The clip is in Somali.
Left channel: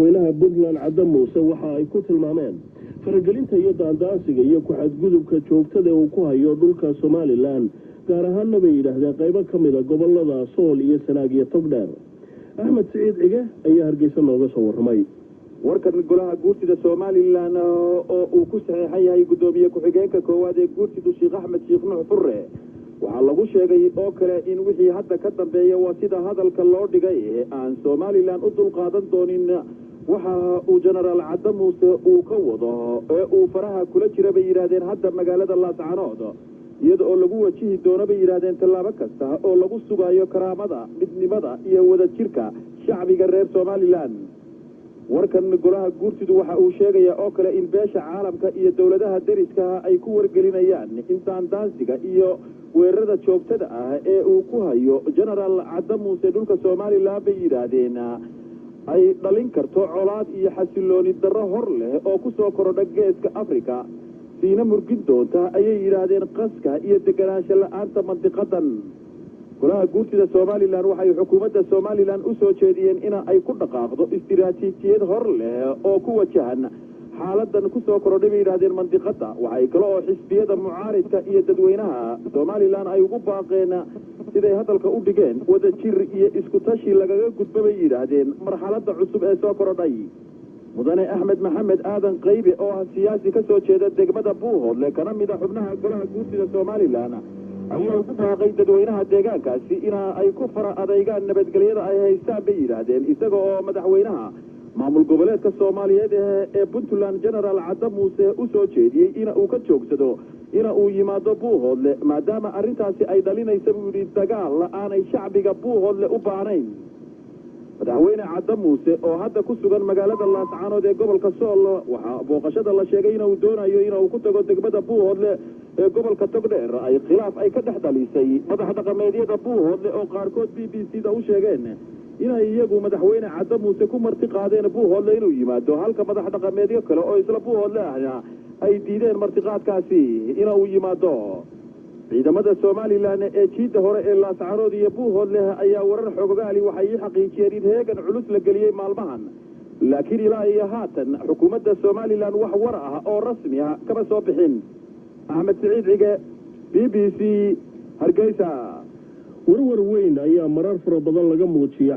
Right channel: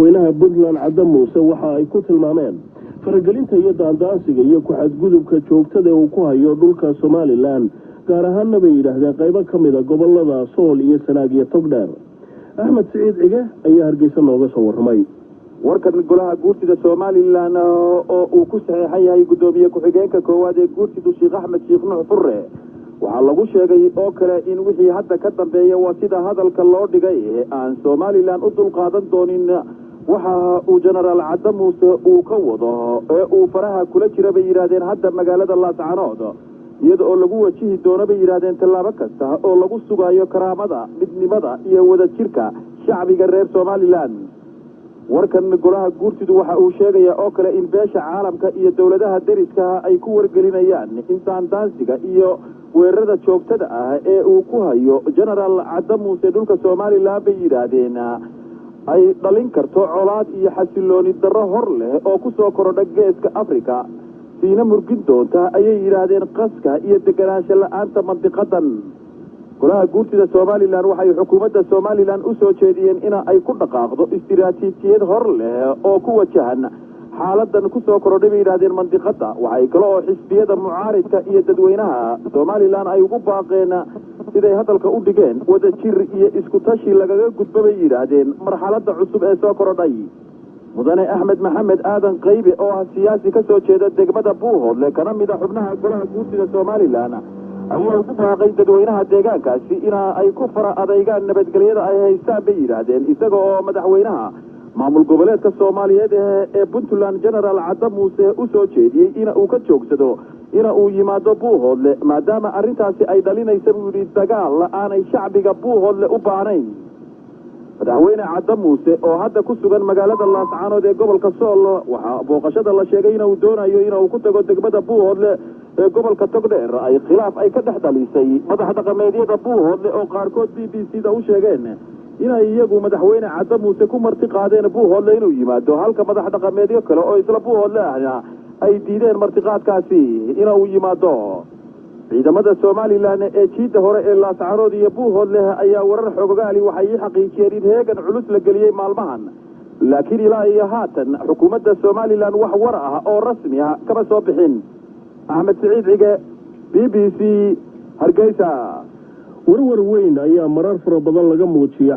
madaxweynaha Puntland Cabdi Muuse waxa ay ku tilmaameen faragelinta iyo daandaansiga iyo ku xadgudubka joogtada uu ku hayo dhulka Somaliland gaar ahaan bay yiraahdeen qaybo kamid ah gobolada Sool iyo Sanaag iyo Togdheer. Ahmed Saciid Cige ayaa Hargeysa nooga soo warramay. warkan golaha guurtida Somaliland oo uu ku saxeexay yahay gudoomiye ku-xigeenka koowaad ee guurtida Sheekh Axmed Sheekh Nuux Furre waxaa lagu sheegay oo kale in wixii hadda ka dambeeya waa sida hadalka loo dhigay ee aan Somaliland u dulqaadan doonin waxa uu Generaal Cabdi Muuse uu ka wado ee uu faraha kula jira bay yiraahdeen hadda magaalada Laascaanood iyada oo lagu wajihi doono bay yiraahdeen tallaabo kasta oo lagu sugayo karaamada midnimada iyo wadajirka shacbiga reer Somaliland. warkan golaha guurtidu waxa uu sheegaya oo kale in beesha caalamka iyo dawladaha deriska ay ku wargelinayaan in daandaansiga iyo weerarada joogtada ah ee uu ku hayo Generaal Cabdi Muuse dhulka Somaliland bay yiraahdeen ay dhalin karto colaad iyo xasilooni darro hor leh oo ku soo korodha geeska Afrika diina murgin doonta ayay yiraahdeen qaska iyo deganaansho la'aanta mantiqadan. golaha guurtida Somaliland waxay xukuumadda Somaliland u soo jeediyeen in ay ku dhaqaaqdo istiraatiijiyad hor leh oo ku wajahan xaaladan ku soo korodhay yiraahdeen mantiqada. waxay kale oo xisbiyada mucaaridka iyo dadweynaha Somaliland ay ugu baaqeen siday hadalka u dhigeen wadajir iyo isku tashi lagaga gudbay yiraahdeen marxaladda cusub ee soo korodhay. mudane Axmed Maxamed Aadan Qaybe oo ah siyaasi ka soo jeeda degmada Buuhoodle kana mid ah xubnaha golaha guurtida Somaliland ayaa ugu baaqay dadweynaha deegaankaasi in ay ku fara adeegaan nabadgelyada ay haystaan bay yiraahdeen isaga oo madaxweynaha maamul goboleedka Soomaaliyeed ee Puntland Generaal Cabdi Muuse u soo jeediyay in uu ka joogsado in uu yimaado Buuhoodle maadaama arrintaasi ay dhalinayso dagaal aanay shacbiga Buuhoodle u baahnayn. madaxweyne Cabdi Muuse oo hadda ku sugan magaalada Laascaanood ee gobolka Sool waxa booqashada la sheegay in uu doonayo in uu ku tago degmada Buuhoodle ee gobolka Togdheer ay khilaaf ay ka dhaxdalisay madax dhaqameedyada Buuhoodle oo qaarkood BBC-da u sheegeen in ay iyagu madaxweyne Cabdi Muuse ku marti qaadeen Buuhoodle inuu yimaado halka madax dhaqameedyo kale oo isla Buuhoodle ah ay diideen martiqaadkaasi inuu yimaado. ciidamada Somaliland ee jiida hore ee Laascaanood iyo Buuhoodle ayaa warar xogaali waxay xaqiijiyeen in heegan culus la geliyay maalmahan laakiin ilaa iyo haatan xukuumadda Somaliland wax war ah oo rasmi ah kama soo bixin. Ahmed Saciid Cige BBC Hargeysa. warwar weyn ayaa marar fara badan laga muujiyay